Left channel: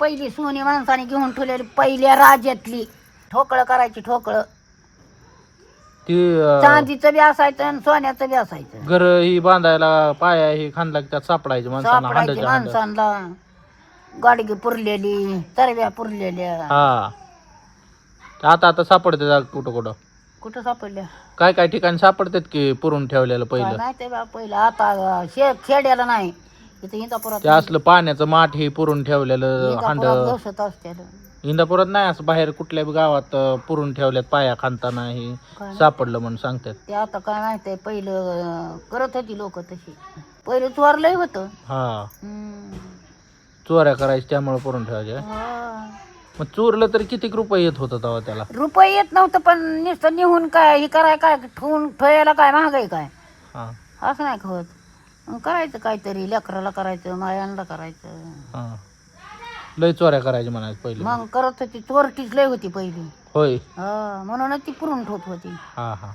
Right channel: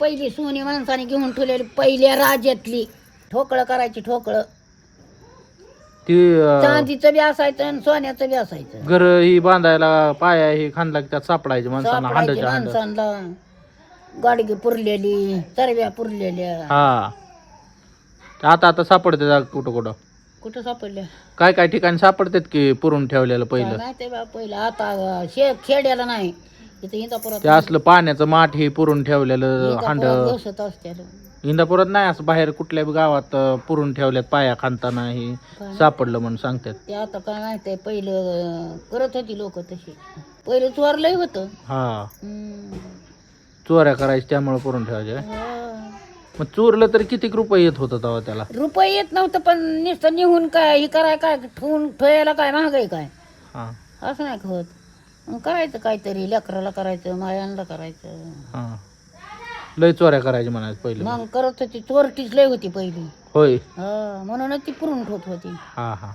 पहिली सोनी माणसाने घेऊन ठेवलेली पहिल्या राज्यातली ठोकळं करायची ठोकळं ती चांदीचं बी असायचं आणि सोन्याचं बी असायचं घर ही बांधायला पाया ही खांदला की त्यात सापडायची माणसांना, सापडायची हांड्याच्या हांड्यात. माणसांना गाडगी पुरलेली तरव्या पुरलेल्या हा आता सापडते कुठं कुठं कुठं सापडल्या काय काय ठिकाणी सापडतात की पुरून ठेवलेलं काय पहिलं. माहिती बा पहिलं आता खेड्याला नाही इथं इंदापुरात ते असलं पाण्याचं माठ हे पुरून ठेवलेलं इंदापुरात हांड. घसत असत्या इंदापुरात नाही असं बाहेर कुठल्या बी गावात पुरून ठेवल्यात पाया खांदताना हे काय सापडलं म्हणून सांगतात. ते आता काय माहिती पहिलं करत होती लोक तशी पहिलं चोरलंय होतं हा चोऱ्या करायची त्यामुळे पुरून ठेवायच्या. हा. मग चोरलं तर किती रुपये येत होतं तेव्हा त्याला. रुपये येत नव्हतं पण नुसतं निघून काय हे कराय काय ठेवायला काय महागाई काय हा, असं नाही होत मग करायचं काहीतरी लेकराला करायचं मायांना करायचं हा. लय चोऱ्या करायची म्हणायचं पहिले. मग करत होती चोरटीच लय होती पहिली होय. हा म्हणूनच ती पुरून ठेवत होती हा हा